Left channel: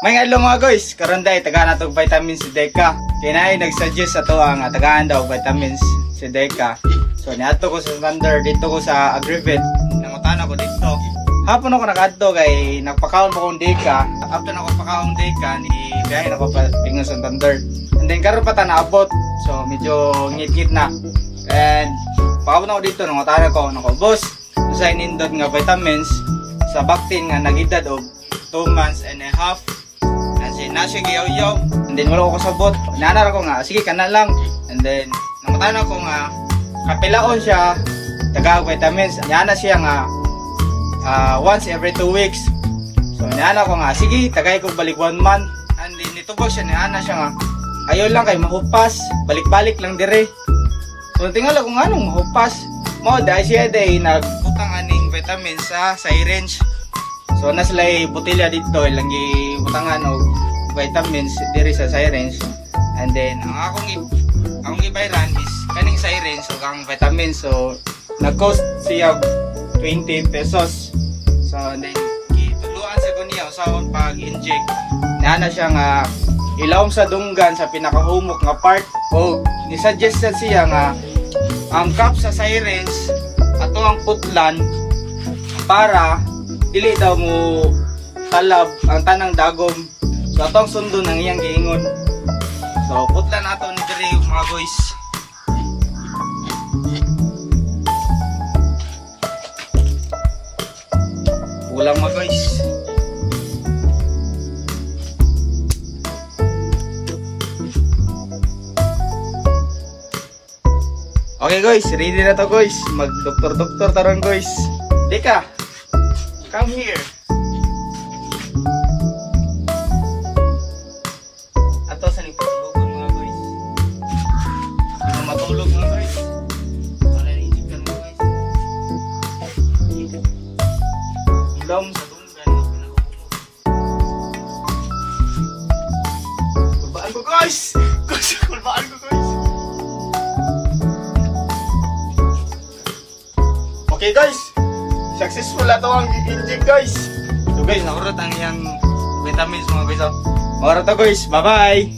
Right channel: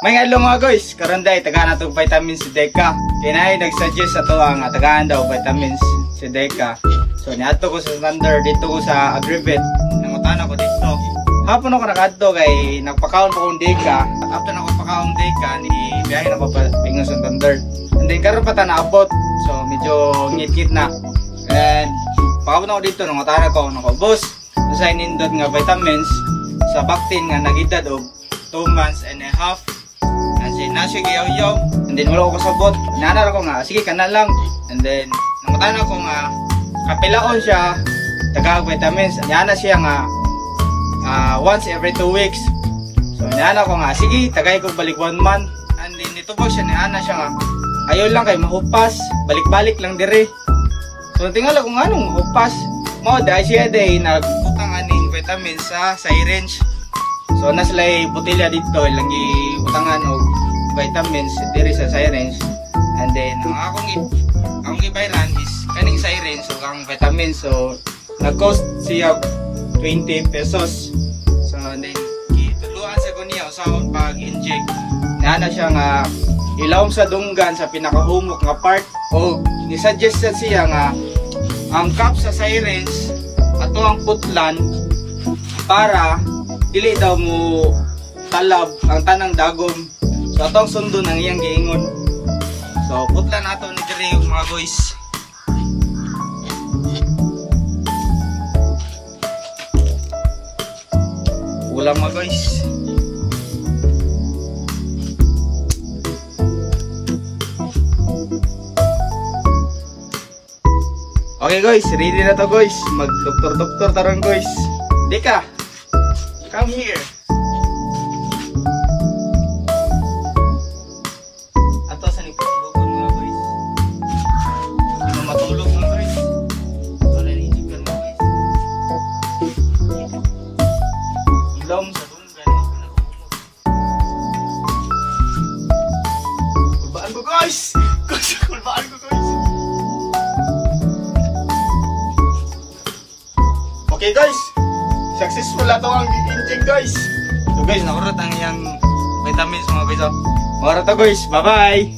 May adlaw mga guys, karon day tagaan natog vitamins si Deka. Kay nay nag-suggest ato ang tagaan daw vitamins si Deka. So niadto ko sa standard dito ko sa Agrivet. Nangutan ako dito. Hapon ako nakadto kay nagpakaon ko kong Deka. After nako pakaon Deka ni biyahe nako pa pingon sa standard. And then karon pa ta naabot. So medyo ngit-ngit na. And pakaon ako dito nangutan ko nako boss. Sa inindot nga vitamins sa vaccine nga nagedad og 2 months and a half. Nasi gayaw-yaw, and then wala ko sabot. Nanar ako nga, sige ka na lang. And then, namutan ako nga, kapilaon siya, taga vitamins. Nyana siya nga, once every 2 weeks. So, nyana ko nga, sige, tagay ko balik 1 month. And then, ito po siya, nyana siya nga, ayaw lang kay mahupas, balik-balik lang dire. So, tingala ko nga nung mahupas. Dahil siya dahil nagputang aning vitamins sa syringe. So, naslay botilya dito, ilang iputangan o vitamins diri sa syringe. And then ang akong ibayran is kaning syringe o ang vitamins. So nag-cost siya 20 pesos. So and then gituluan sa kunya sa pag-inject. Nana siya nga ilawom sa dunggan sa pinakahumok nga part. O ni-suggest siya nga ang cup sa syringe ato ang putlan para dili daw mo talab ang tanang dagom. So atong sundo ng iyang giingon. So putlan nato ni diri mga guys. Ulang mga guys. Okay guys, ready na to guys. Mag-doktor-doktor tarang guys. Deka, come here. Okay guys, successful na ito ang inject guys. So guys, nakurat ang iyang vitamins mga guys. Nakurat to guys, bye bye.